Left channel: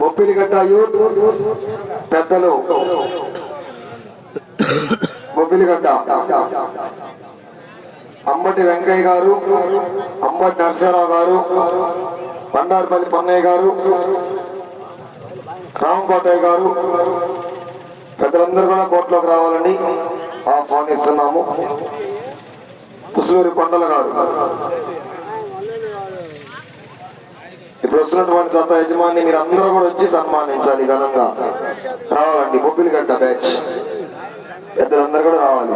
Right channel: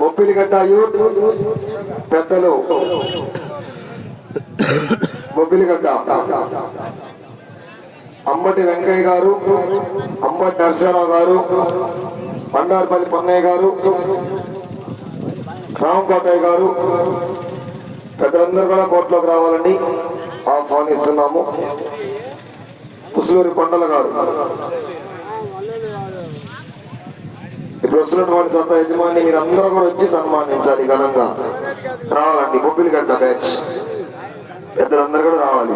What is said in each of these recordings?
బొప్పిలిగడ్డ youth పెద్దలు. బొప్పిలిగడ్డ అంబటి వెంకయ్య గారు అంబటి నరసింహరావు గారు బండారుపల్లి పొన్నయ్య గారు రామకోటయ్య గారు పెద్దలందరూ కూడా కోర్టులోకి రావాలని ఆహ్వానిస్తున్నాము పుసులూరి కొండల గారు. ఇప్పుడు వస్తున్నటువంటి జత యజమాని మీరు అందరూ కూడా వచ్చి సన్మానించాలి ఘనంగా. రావాలండి బొబ్బిలిగడ్డ బ్యాచ్. పెద్దలందరూ కూడా రావాలి.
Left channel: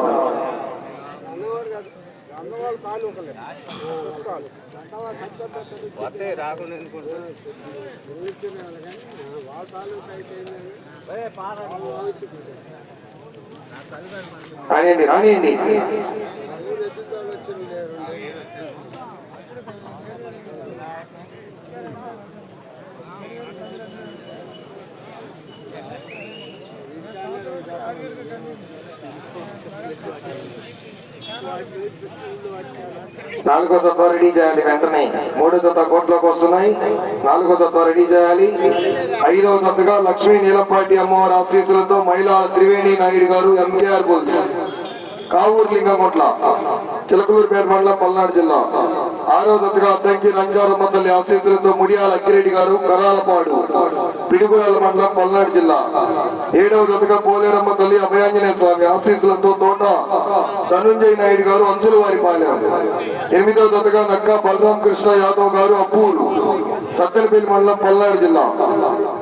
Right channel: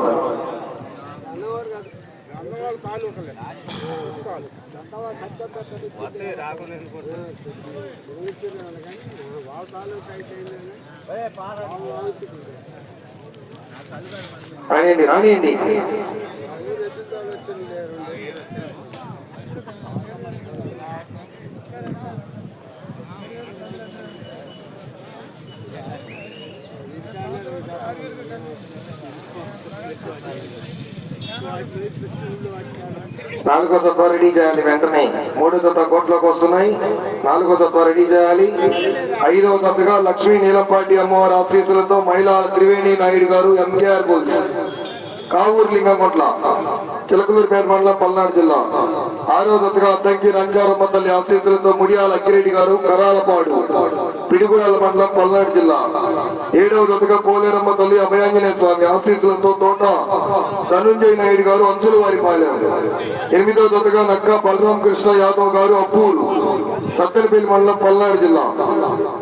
రానియండి రానియండి. నాలుగో తత్వ రెడీ చేయాలి వెంటనే. మూడో తత్వ కోట్లోకి వస్తున్నాయి. నాలుగో తత్వ రెడీ చేయాలి. ఐదవ తత్వగా లక్ష్మీ నీలంపాటి అమ్మవారి ఆశీస్సులతో మహిళా త్రివేణి నాయుడు గారు ఎంకేఆర్ బుల్స్. కావూరు లింగంకొట్ల చిలకలూరుపేట మండలం పల్నాడు జిల్లా. ఆరో అద్దంకి రంజారమ్మ తల్లి ఆశీస్సులతో ముడియాల అక్కిరెడ్డి గారు కరాలపాడు పిడుగురాల మండలం పల్నాడు జిల్లా. ఏడవ దతగా పోలేరమ్మ తల్లి అభయాంజనేయ స్వామి ఆశీస్సులతో తోట ధనుంజయ నాయుడు గారు అంచుల వారి పాలెం. ఎనిమిదవ దతగా నక్క బలరాం కృష్ణ యాదవ్ గారు అప్పూరు సత్తెనపల్లి మండలం పల్నాడు జిల్లా.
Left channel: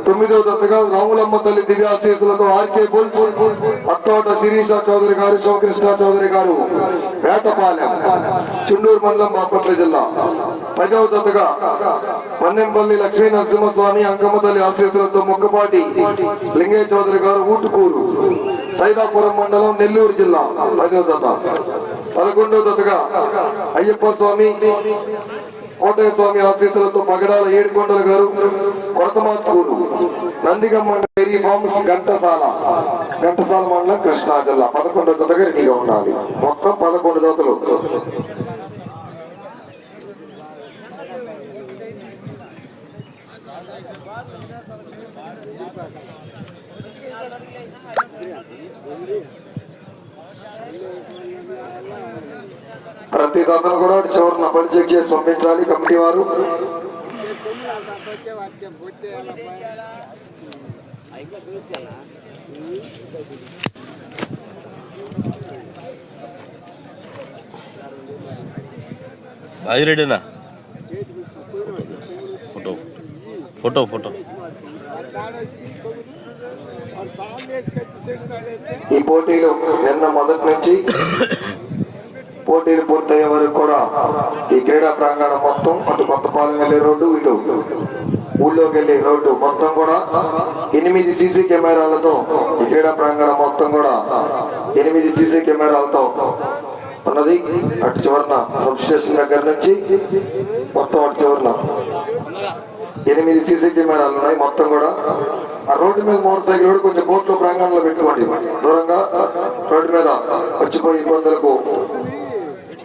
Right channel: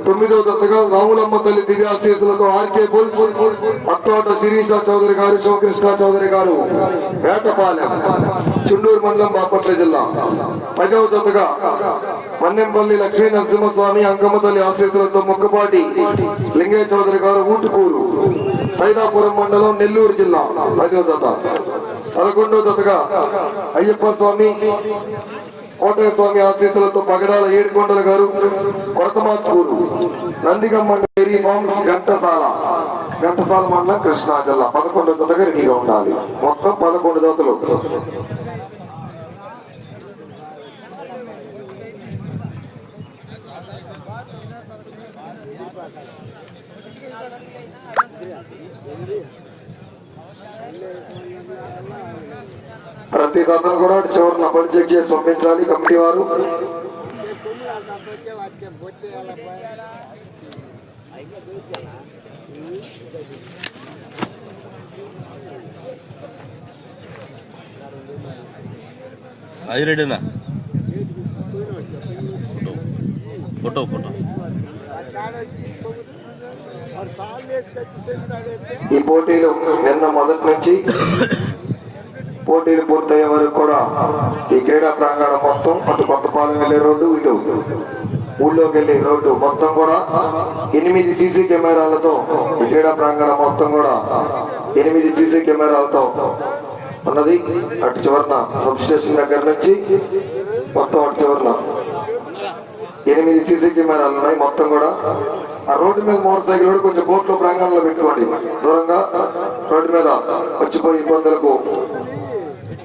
తొమ్మిదవ దత్తగా రాములమ్మ తల్లి దివ్యాశీసులతో ఆర్కే బుల్ అట్టోట శిరీష చౌదరి గారు శివకృష్ణ చౌదరి గారు వేటపాలెం చుండూరు మండలం బాపట్ల జిల్లా. పదవ దత్తగా మన్నెంపల్లి లక్ష్మీ నరసింహస్వామి అంకమ్మ తల్లి ఆశీసులతో ముక్కపాటి లింగయ్య చౌదరి గారు ఊటుకూరు సైదాపురం మండలం నెల్లూరు జిల్లా. పదవ దత్త పదకొండవ దత్తగా అయ్యప్ప స్వామి కోటయ్య స్వామి ఆశీస్సులతో పగడాల ఏడుకొండల గారు కొరతమాత్కూరు నందిగమ్మ డైరీ హోమ్స్ ఘంటసాల ఘంటసాల మండలం కృష్ణా జిల్లా పదకొండు జతగా రెడీగా ఉండాలి. మొత్తం పదకొండు జతలు. ప్రతి జతను కూడా చివరిన పని చెక్ చేసి పంపించాలి కమిటీ వారు. అది రెడీనా? ఫోటో. Photo photo. ఈ పోటీలు నిన్న మొదటి నుంచి పోటీలు పూర్తయ్యే వరకు కూడా ఈ క్రీడా ప్రాంగణం మొత్తం అటు కొత్తపాలెం వెళ్ళే రోడ్డు ఇటు ఊళ్ళోకి వెళ్ళే రోడ్డు మొత్తం కూడా ఎనిమిది సీసీ కెమెరాలతో ఈ క్రీడా ప్రాంగణం మొత్తం కూడా ఎనిమిది సీసీ కెమెరాలతో ఉన్నది. అటు చివరన సబ్స్టేషన్ దగ్గర నుంచి మొత్తం అటు చివరన ఎనిమిది సీసీ కెమెరాలు ఉన్నాయి మొత్తం కూడా. ఆ రోడ్డు మీద మోటార్ సైకిల్ కూడా కొంచెం బోట్లో ప్రాంగణంలో పెట్టుకోండి. దూరంగా రోడ్డు మీద వచ్చిపోయి ఇబ్బందులకు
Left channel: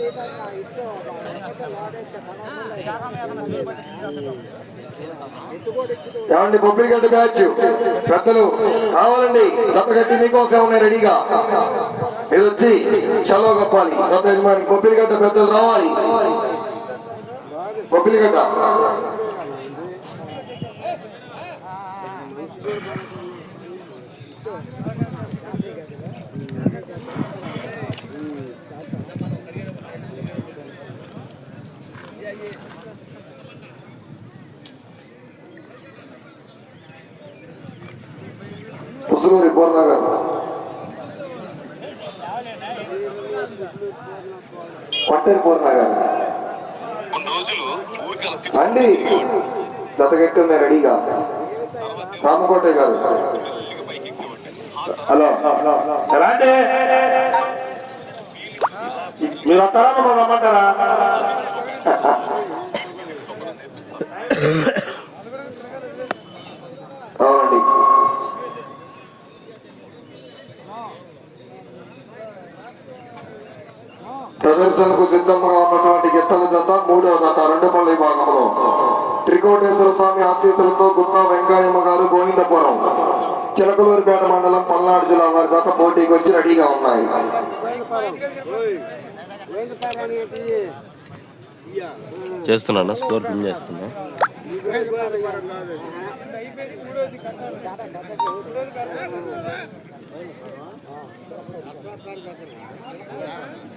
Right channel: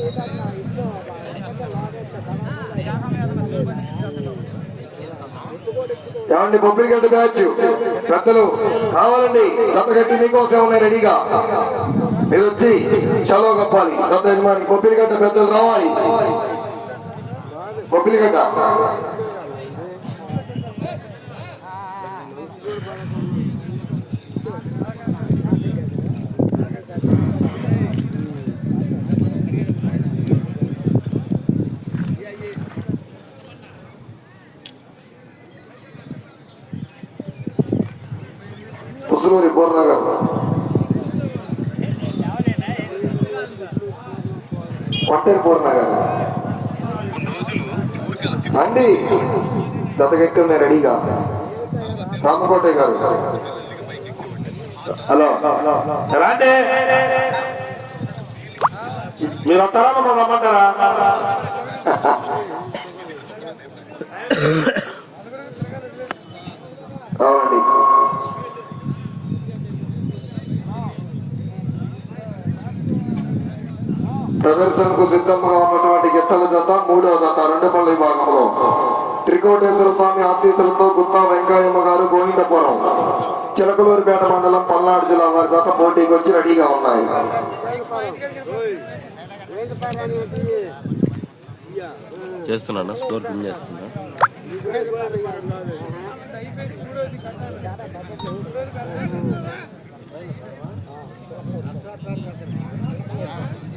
ఏమండి ఏమండి బొబ్బిలిగడ్డ బ్యాచ్ పెద్దలు కావాలండి గట్టి మీకోసం ఉన్నాయి రెడీగా. మీరు వచ్చి చలవ కప్పాలి. దత్త యజమాని బొబ్బిలిగడ్డ పెద్దలు రావాలి. బొబ్బిలిగడ్డ ముసలూరి పూర్ణ గారు పట్టే పూర్ణ గారు అండి దత్తగెట్టుకున్న రెడీగా. రామకోటే గారు. హలో. ఎలా అంటే? మీరు వస్తారా? మమ్మల్ని రమ్మంటారా? ప్రదర్శనకు సిద్ధంగా ఉన్నటువంటి గిత్తల జత మూడవ జత రెండు రెండుపల్లి విభాగంలో. త్రికోటేశ్వర స్వామి ఆశీస్సులతో గుత్తా వెంకయ్యమ్మ గారు గోవిందపురం. చిలకలూరుపేట మండలం పల్నాడు జిల్లా వారి జత పోటీకి వచ్చి రెడీగా ఉన్నాయి. చేస్తున్నా స్కోర్ పిన్ చేస్తున్నా?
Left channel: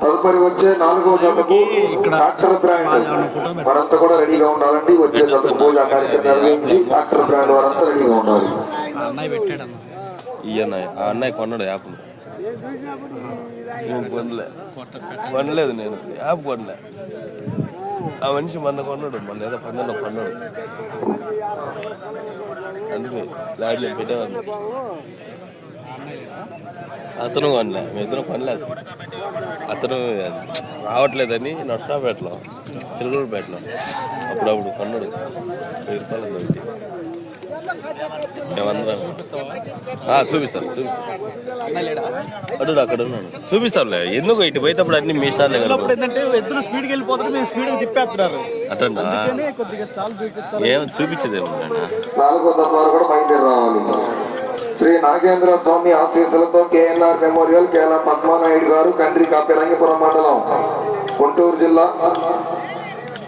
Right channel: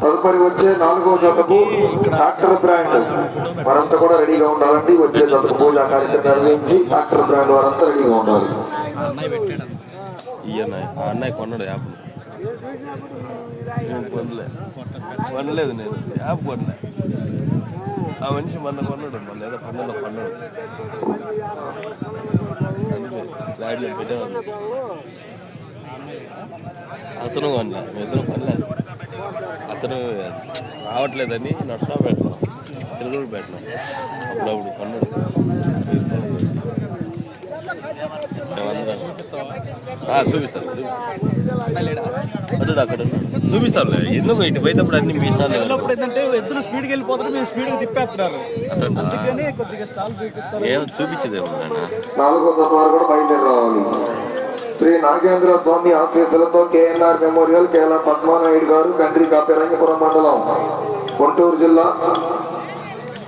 తదుపరి వచ్చే నాలుగో జతకు డాక్టర్ బ్రాండ్. వారంతా కూడా రెడీగా ఉండాలండి. వచ్చే జతకు పూజ కార్యక్రమం నిర్వహించి డాక్టర్ బ్రాండ్ వారంతా రెడీగా ఉండాలి. ఈ అన్నయ్య ఆ అన్నయ్య కొన్నాడు యాప్. కొనలేదు నేను. యాప్ కొనలే. ఆ మనిషి మొన్న కొన్నాడు మొన్న ఏదో పన్నెండు కొన్నాడు. అందుకే దాడిలో పెట్టేవాడిని అతను కొనలే ఇద్దరు పనిలే అతను రావట్లేదని నడుస్తా పెట్టలా చిలుకూరు పెట్టలా. అప్పుడప్పుడు కొన్నాడు వెయ్యి రూపాయలు పెట్టి మేమందరం ఆ, చూపిస్తాను చూపిస్తాను అతడు అక్కడ చూపిస్తానులే ఎందుకు ఇటు పోయేటప్పుడు అన్ని మీ. అప్పుడు ఏంటంటే ఎద్దులు స్పీడ్కి మీరు స్పీడ్గా తిప్పేస్తున్నారు. స్టాల్ ఏం నాలుగో కూడా శ్రీ నాగేంద్ర స్వామి ఆశీస్సులతో కేఎన్ఆర్ మెమోరియల్ కేఎల్ పద్మానాయుడు గారు కండ్రి కాపెరంగిపురం మండలం. గుంటూరు జిల్లా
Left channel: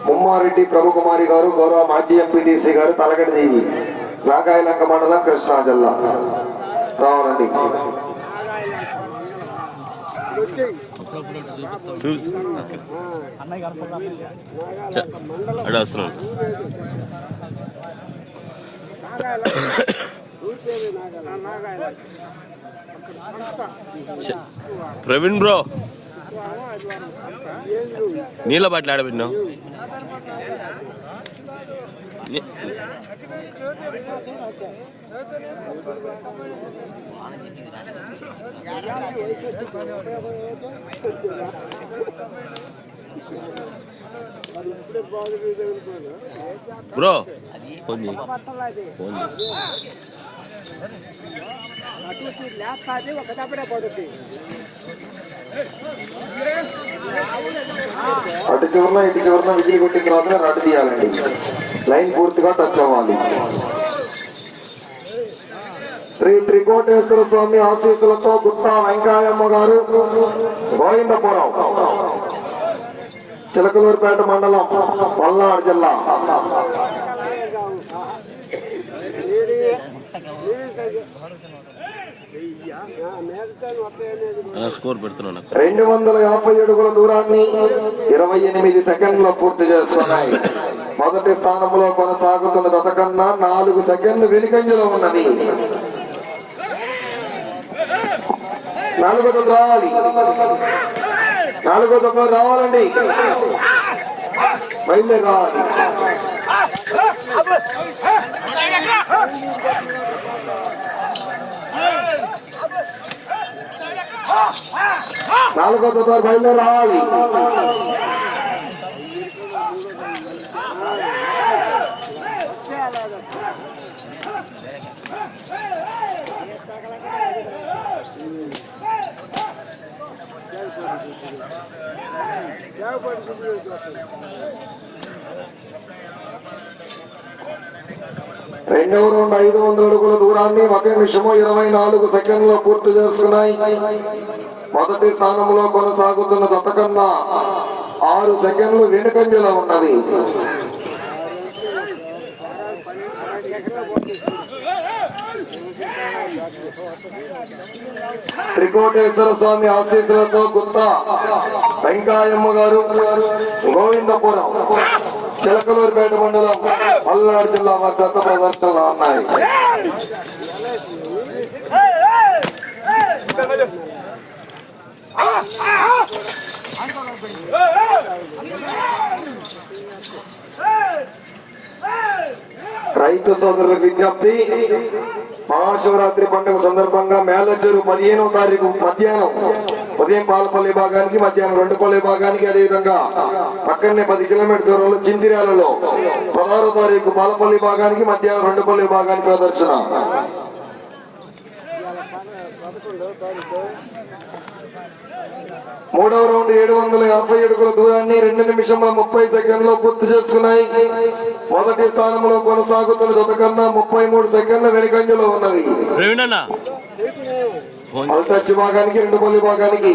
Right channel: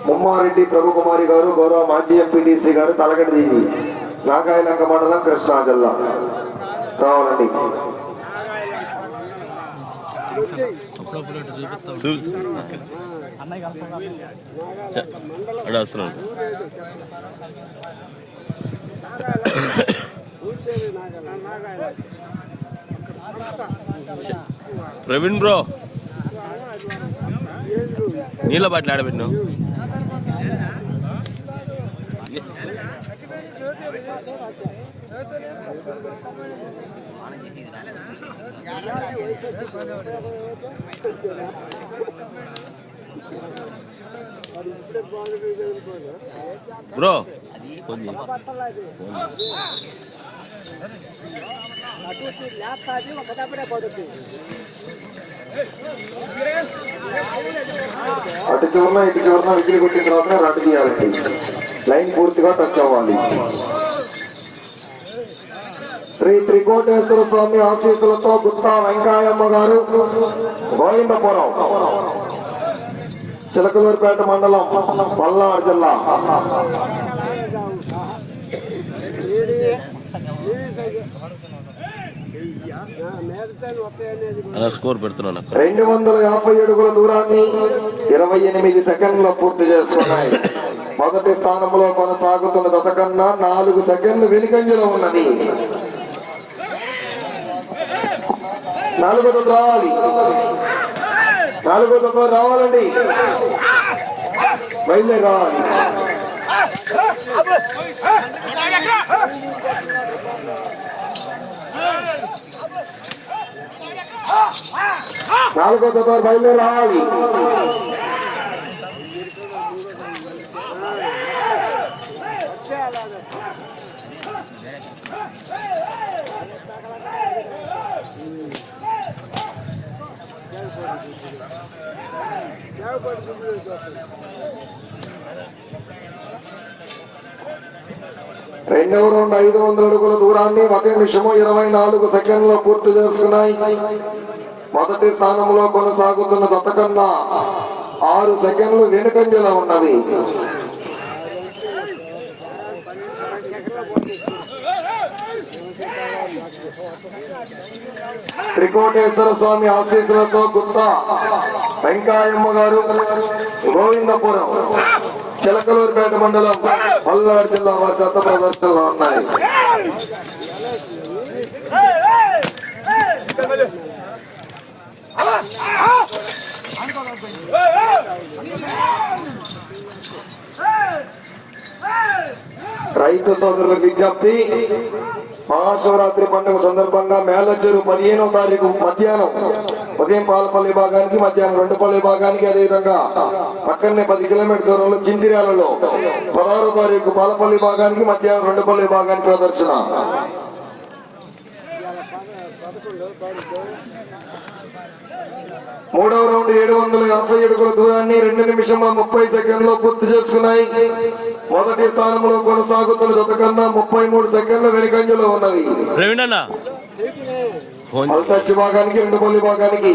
ముమ్మారెడ్డి ప్రభుకుమారి గారు గౌరవ మాజీ ఎంపీటీసీ గారు తలగడి దేవి నాగాయలంక మండలం కృష్ణా జిల్లా. రావాలండి. చూపిస్తాను వస్తున్నాను ప్రవీణ్ బ్రో నీళ్ళ బాటిల్ ఆడబెట్టినావు. బ్రో ఫోన్ చేయి అటు చివరన ఇటు చివరన విజిల్ కొట్టిన తర్వాత రద్దు తీయాలండి లైన్ పూర్తిగా టచ్ అవ్వాలి. శ్రీ త్రికోటేశ్వర స్వామి ఆశీస్సులతో గుత్తా వెంకాయమ్మ గారు గోవిందపురం. చిలకలూరుపేట మండలం పల్నాడు జిల్లా. రెండు వందల యాభై అడుగుల దూరాన్ని ఇరవై ఎనిమిది సెకండ్ల పూర్తి చేస్తున్నాయి. మొదటి స్థానంలో కొనసాగుతున్న గత కన్నా నాలుగు సెకండ్లు వెనుకంజలో ఉన్నది. నాలుగో దొంగ రావాలి. నాలుగో దొంగ రావాలండి. బయలుదేరి రావాలి. నాలుగో దొంగ బయలుదేరి రావాలి. రెండవ రౌండ్ ఐదు వందల అడుగుల దూరాన్ని ఒక నిమిషము ఇరవై నాలుగు సెకండ్లు పూర్తి చేస్తున్నాయి. మొదటి స్థానంలో కొనసాగుతున్న జత ఆరు సెకండ్లు వెనుకంజలా ఉన్నది. త్రికోటేశ్వర స్వామి ఆశీస్సులతో గుత్త వెంకాయమ్మ గారు గోవిందపురం చిలకలూరుపేట మండలం పల్నాడు జిల్లా వారి గత ప్రదర్శనలో ఉన్నాయి. రైతు సోదరులకు విజ్ఞప్తి మహాశివరాత్రి పండుగ సందర్భంగా మేలచెరు పదిహేనో తారీఖు మధ్యాహ్నం. ఉదయం పాలపల్లి భాగానికి మధ్యాహ్నం రెండుపల్లి భాగానికి అదేవిధంగా పక్కనే పది కిలోమీటర్ దూరంలో చిందిరాలలో పదహారో తారీఖు పాలపల్లి భాగానికి మధ్యాహ్నం రెండుపల్లి భాగానికి ప్రదర్శన. మూడవ రౌండ్ ఏడు వందల యాభై అడుగుల దూరాన్ని రెండు నిమిషంలో ముప్పై సెకండ్లో పూర్తి చేసుకున్నాయి. మొదటి స్థానంలో కొనసాగుతున్న జత కన్నా ముప్పై మూడు సెకండ్ల వెనుకంజలో ఫోన్ అల్టచ్ భాగానికి రెండు పల్లి భాగానికి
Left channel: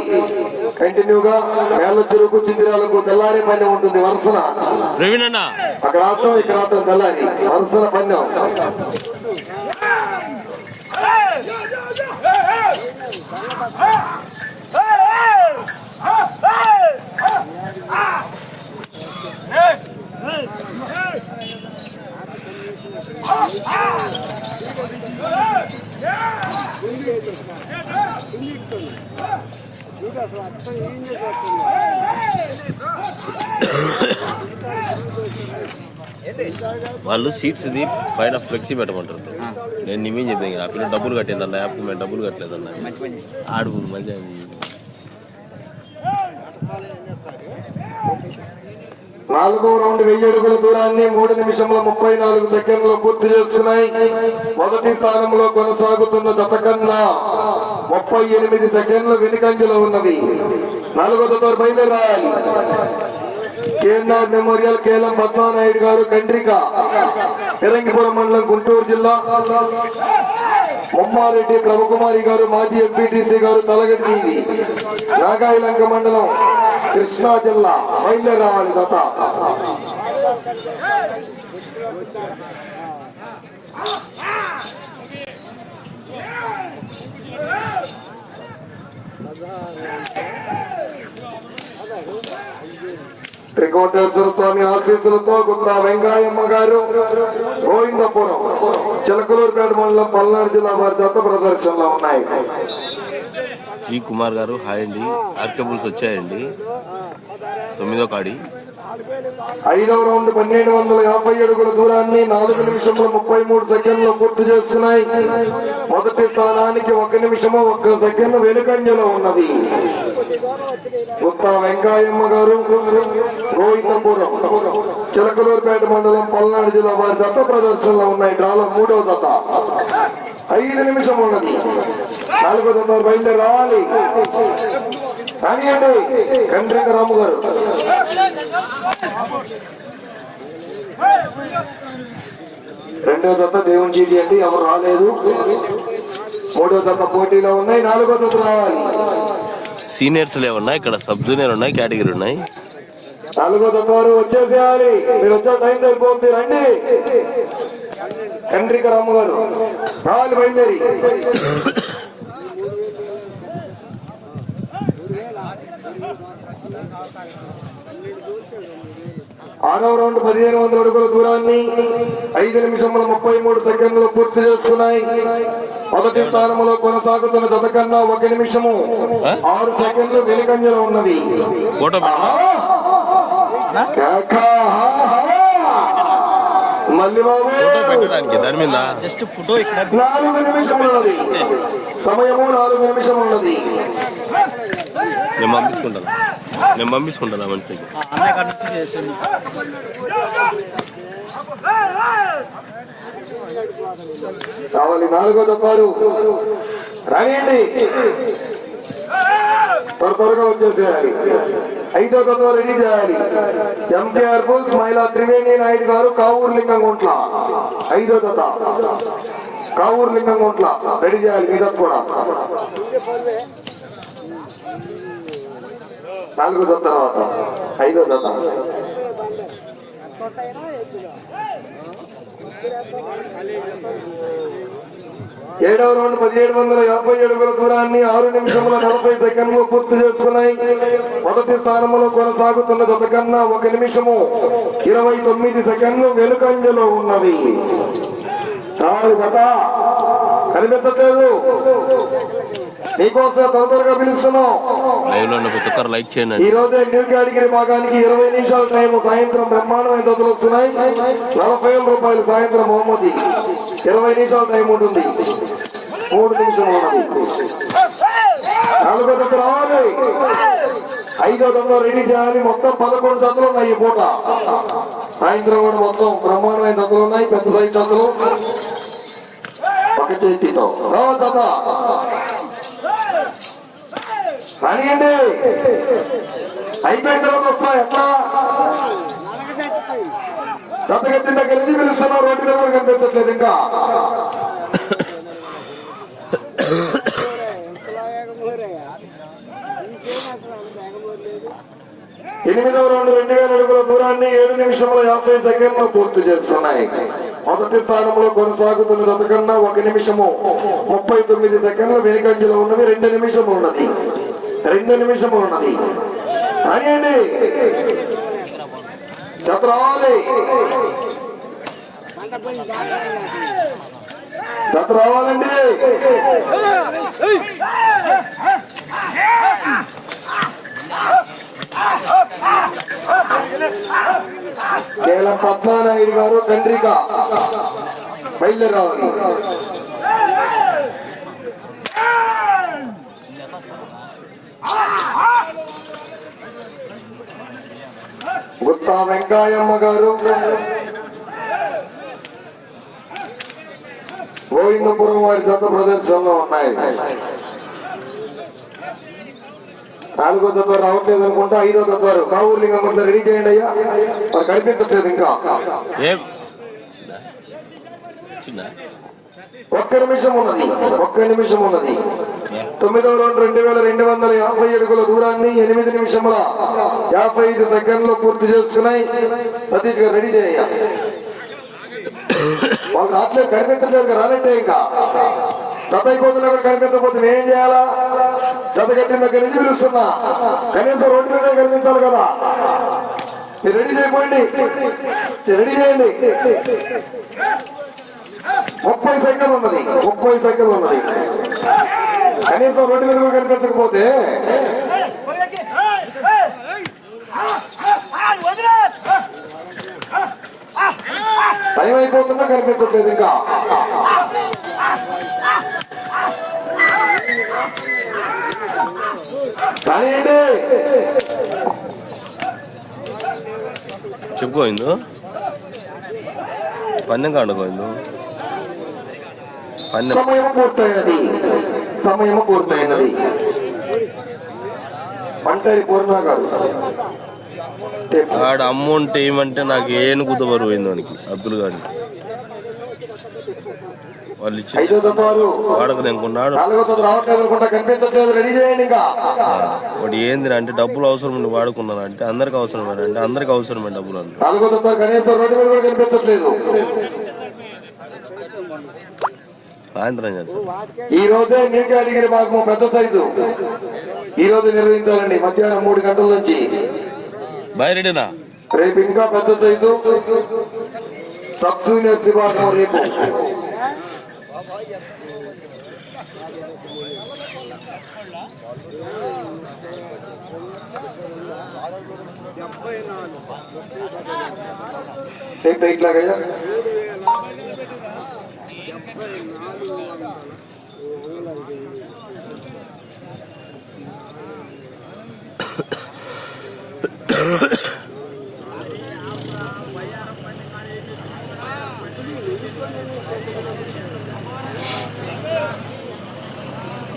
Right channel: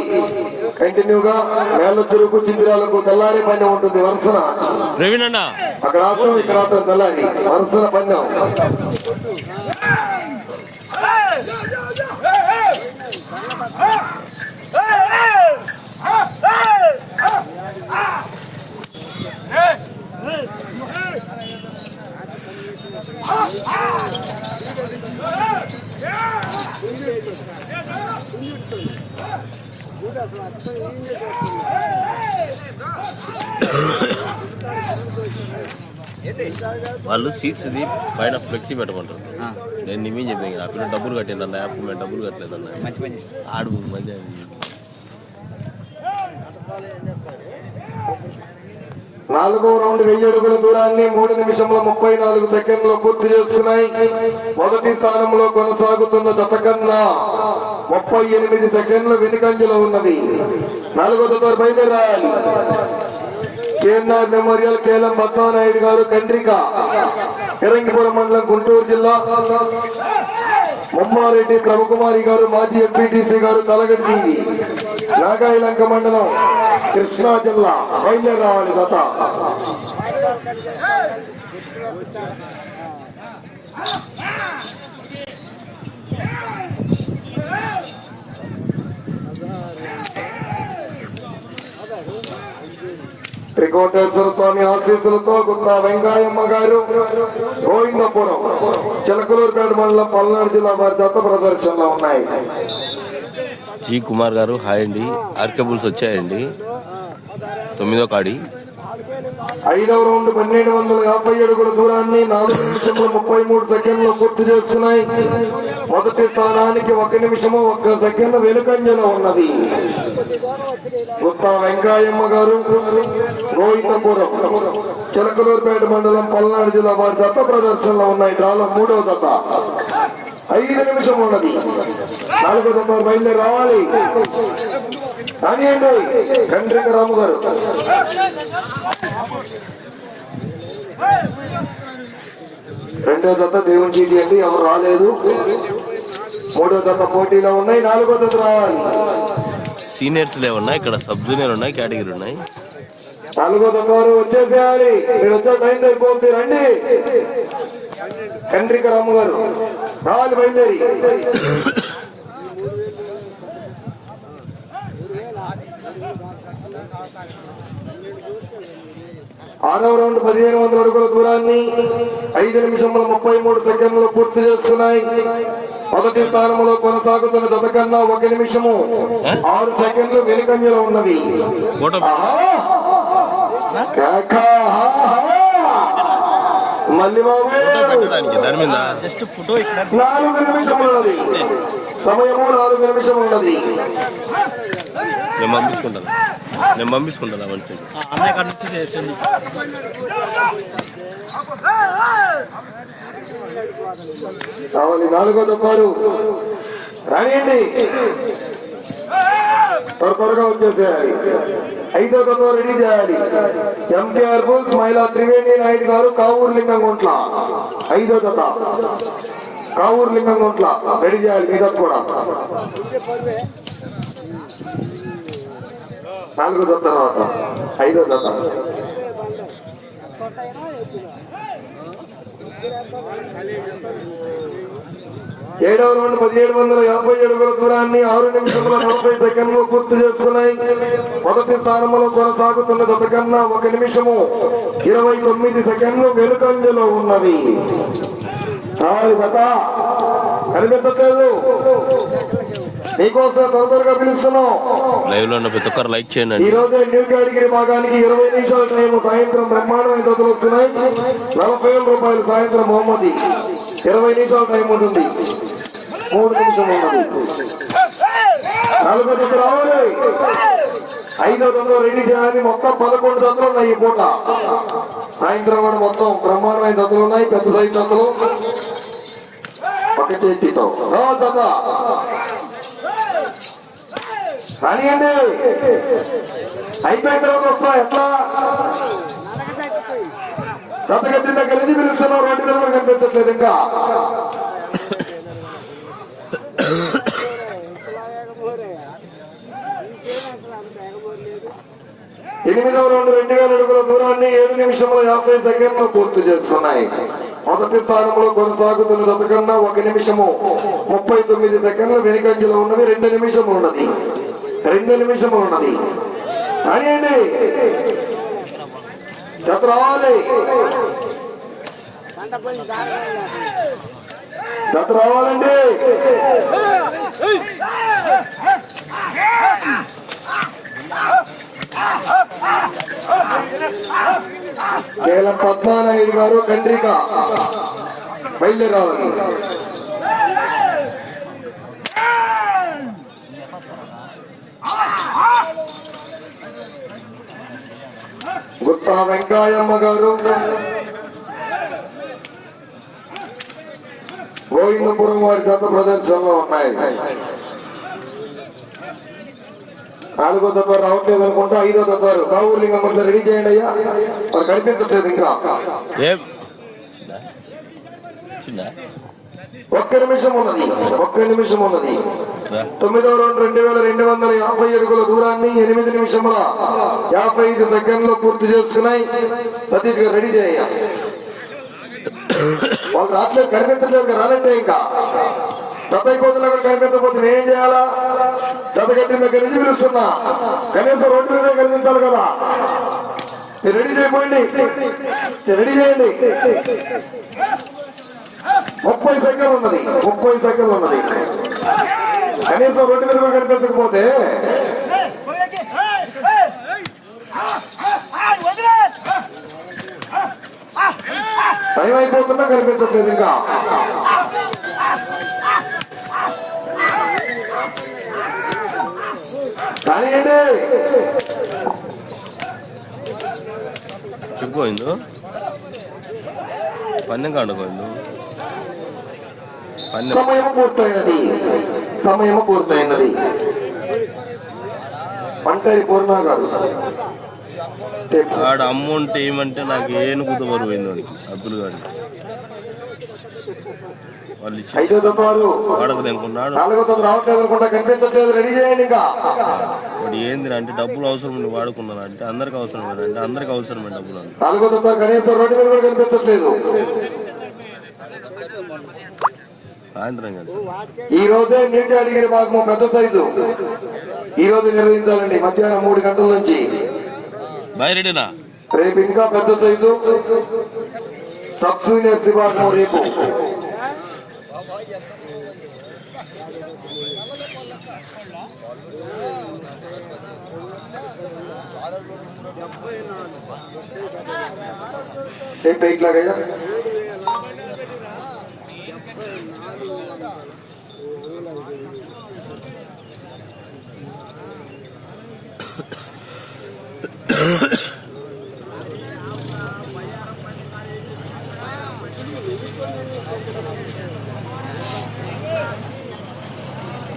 కంటిన్యూగా మేళ్ళ చెరుకు చిందిరాలకు తెల్లారి పందెం ఉంటుంది వరుసన అక్కడ ఆటం ఇక్కడ ఆటం తెల్లారి వరుసన పందెం వాళ్ళు సీట్స్ ఇది పైన ఫ్లెక్సీ పెట్టమంటారు. నేను నిమేం చెప్పాను కదా అప్పుడు డబ్బులు కట్టేదన్న యాప్ మేము డబ్బులు కట్టలేదన్న ఆడు మంచి నాలుగో రౌండ్ వెయ్యి అడుగుల దూరాన్ని మూడు నిమిషముల ముప్పై నాలుగు సెకండ్లు పూర్తి చేస్తున్నాయి. మొదటి స్థానంలో కొనసాగుతున్న జత కన్నా ముప్పై ఎనిమిది సెకండ్లు వెనుకంజలో ఉన్నది. నాలుగో జత బయలుదేరాలి. కేఎన్ఆర్ మెమోరియల్ కేలం పద్మానాయుడు గారు కండ్రిక పెరంగిపురం మండలం గుంటూరు జిల్లా. బొమ్మారెడ్డి బ్రహ్మకుమారి గారు మాజీ ఎంపీటీసీ గారు తలగడ్డి నాగాయలంక మండలం కృష్ణా జిల్లా బయలుదేరి గత Yeah! త్రికోటేశ్వర స్వామి ఆశీస్సులతో గుత్తా వెంకాయమ్మ గారు గోవిందపురం చిలకలూరుపేట మండలం పల్నాడు జిల్లా వారి దత్త ప్రదర్శనలో ఉన్నాయి. జీ కుమార్ గారు హాయ్ అండి. ఆర్కేబుల్స్ వచ్చాయండి. తొమ్మిదో కాడి. ఐదవ రౌండ్ పన్నెండు వందల యాభై అడుగుల దూరాన్ని నాలుగు నిమిషముల ముప్పై మూడు సెకండ్లు పూర్తి చేస్తున్నాయి. మొదటి స్థానానికి ఒక నిమిషము ఒక్క సెకండ్ వెనుకంజలో ఉన్నది. గుత్తా వెంకాయమ్మ గారు గోవిందపురం చిలకలూరుపేట మండలం పల్నాడు జిల్లా వారి దత్త ప్రదర్శనలో ఉన్నాయి. డ్రాలో మూడవ దత్త. ఐదు నిమిషం ఉన్నది. నాలుగో దత్త బయలుదేరి రావాలి. రానియండి కండ్రిక రాము గారు. రెండో దత్త దేవుని చీటి అండి ఎవరు రాలేదు. మూడో దత్త పోటీలో ఉన్నాయి నాలుగో దత్త రావాలి. సీనియర్స్ లేవున్నాయి ఇక్కడ సబ్ జూనియర్ ఉన్నాయి కేటగిరీ ఉన్నాయి. నాలుగో దత్త వారు వచ్చేసేయాలి. మీరు వచ్చే టైం అయిపోతుంది రండి. కండ్రిక రాము గారు. బయలుదేరి. ఆరవ రౌండ్ పదిహేను వందల అడుగుల దూరాన్ని ఐదు నిమిషముల ముప్పై మూడు సెకండ్లు పూర్తి చేస్తున్నాయి. మొదటి స్థానంలో కొనసాగుతున్న జత కన్నా ఒక నిమిషము ఆరు సెకండ్లు వెనుకంజలో ఉన్నది జస్ట్ ఫోటో ఇక్కడ. నాలుగు సమయము నాలుగు నిమిషం ఉన్నది. నేను పంపించుకుంటాను. నేను పంపించుకుంటాను మంచి కావాలి నాలుగో తప్పారు రానియండి. త్వరగా వచ్చేసేయాలి. ఐదో తత్వ రెడీ చేయాలి. ఎంకేఆర్ బుల్స్ మహిళా త్రివేణి నాయుడు గారు కావూరు లింగం గుంట్ల ఐదో తత కావూరు లింగం గుంట్ల రెడీ చేయాలి మీ కూడా. నాలుగో తత్వ తర్వాత. ఐదో తత ఏడవ రౌండ్ పదిహేడు వందల యాభై అడుగుల దూరాన్ని ఆరు నిమిషముల నలభై సెకండ్లు పూర్తి చేసుకున్నాయి. మొదటి స్థానంలో కొనసాగుతున్న జత కన్నా ఒక నిమిషము ఇరవై తొమ్మిది సెకండ్లు వెనుకంజలో గత కనిపించట్లేదు నీకోసం తొందరగా పిలుస్తున్నాం. లైక్ చేయండి. ఈ రోజే న్యూ కేటగిరీ భాగానికి ఇరవై నిమిషాల టైం సాయంత్రం బ్రహ్మాండమైన జతలు వస్తున్నాయి. నలభై రూపాయలు సాయంత్రం బహుమతి. ఇరవై నిమిషాల టైం ఉంటుంది. మూడు నలభై రావాలి ఐదో రెడీ చేయాలి మొత్తం పదకొండు జతలు ఉన్నాయి ఈ పూట సాయంత్రం కూడా మొత్తం బ్రహ్మాండమైన జతలు ఉన్నాయి పెద్ద సైజు జతలు ఒక చేతితో రావాలి జత కానివ్వండి అయిపోయిన తర్వాత వస్తా ఎట్లా దత్తగత్తి దగ్గర నుంచి రోడ్డు మీద కనిపించట్లేదు ఇంకా ఎనిమిదవ రెండు రెండు వేల అడుగుల దూరాన్ని ఏడు నిమిషముల యాభై సెకండ్లు పూర్తి చేస్తున్నాయి. మొదటి స్థానంలో కొనసాగుతున్న జత ఒక నిమిషము ముప్పై తొమ్మిది సెకండ్లు వెనుకంజలో ఉన్నది రెండు నిమిషం ఉన్నది. రెండు నిమిషం ఉన్నది. జత రావాలి. గత రావాలండి. కేవలం పద్మానాయుడు గారు కండ్రిక బయలుదేరావాలి గుత్తా వెంకాయమ్మ గారు. గోవిందపురం వారి జత ప్రదర్శనలో ఉన్నాయి. నాలుగో తత్వారు రావట్లేదు అనుకుంటా ఐదో తత్వారు. కావూరు లింగం ఇట్లా రెడీ చేయండి అయ్యా. మరి కనిపించట్లేదు ఇంకా. ఒక్క నిమిషం ఉన్నది. ఒక్క నిమిషం ఉన్నది. తొమ్మిదవ రౌండ్ రెండు వేల రెండు వందల యాభై అడుగుల దూరాన్ని ఎనిమిది నిమిషముల యాభై ఐదు సెకండ్లు పూర్తి చేసుకున్నాయి. సతీష్ గారు రెడీ చేయ వాళ్ళు రావట్లేదు కనిపించడానికి కదా, ఇంకా డెబ్బై అయిపోతున్నా కూడా కనిపించకపోతే ఏం చేయాలా జతగట్టిన దగ్గర నుంచి పిలుస్తున్నా కనీసం రోడ్డు మీద కనిపించాలి కదా మీరు రెడీ చేయకండి రెడీ చేయండి ముప్పై సైకిల్ ఉన్నది ముప్పై సైకిల్ ఉన్నది కనీసం రోడ్డు మీద కూడా కనిపించకపోతే టైం అయిపోతున్నా కనిపించట్లేదు ఇంకా. కానివ్వండి పందెం కాడుకోయిందో పందెం సమయం పూర్తయినది. సమయం పూర్తయినది. ఒంటరి పూర్ణ గారు. ఆడ అమౌంట్ ఏమంటే నాకు ఏను కుద బరువు అయింది వానికి అబ్దుల్ గారికి. వాళ్ళు ఇచ్చి అనుకున్నాడు వాడు ఏంది అంటే డబ్బులు అవసరం ఉండి వాడుకున్నాను అంటే అందరికి అవసరం అంటే అందరికి అవసరమే డబ్బులు అంటే. సాయంత్రం ఈ రోజే న్యూ కేటగిరీ మాకు పెద్ద సైజు. ఈ రోజు నిర్వహించాలండి మధ్యాహ్నం మూడు గంటల నుంచి. బాయ్ రేపు ఇంకా పెద్ద సైజు. సబ్ జూనియర్ విభాగం రేపు. రేపు ఇట్లాగయ్యా బాయ్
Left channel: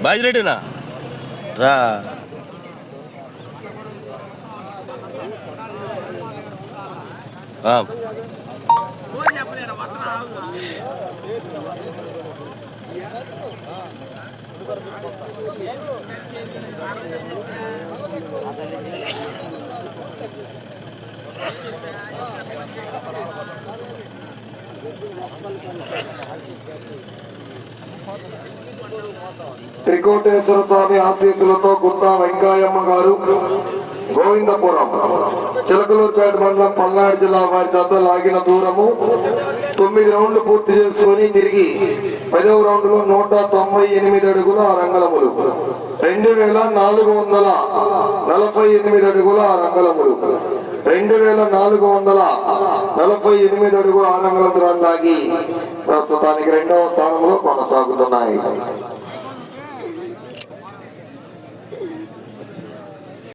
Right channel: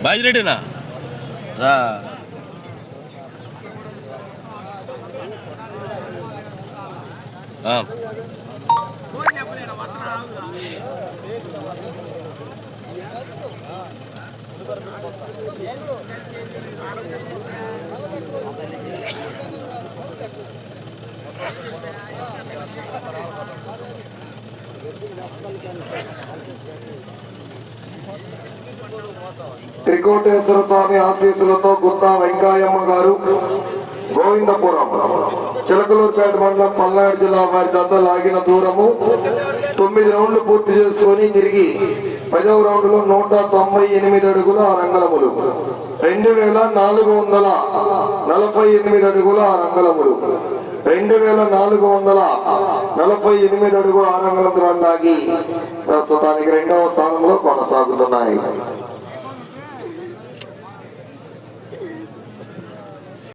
బాజిరెడ్డినా రా Um. త్రికోటేశ్వర స్వామి ఆశీస్సులతో గుత్తా వెంకాయమ్మ గారు గోవిందపురం చిలకలూరుపేట మండలం పల్నాడు జిల్లా వారి జత లాగిన దూరము తొమ్మిది రౌండ్లు పూర్తి చేసుకొని తిరిగి పదవ రౌండ్లో నూట తొంభై ఎనిమిది అడుగుల రంగలములు. రెండు వేల నాలుగు వందల నలభై ఎనిమిది అడుగుల రంగలములు. రెండు వేల నాలుగు వందల నలభై ఎనిమిది అడుగు ఆనందం లాగి ప్రస్తుతానికి రెండవ స్థానంలో కొనసాగుతున్నాయి.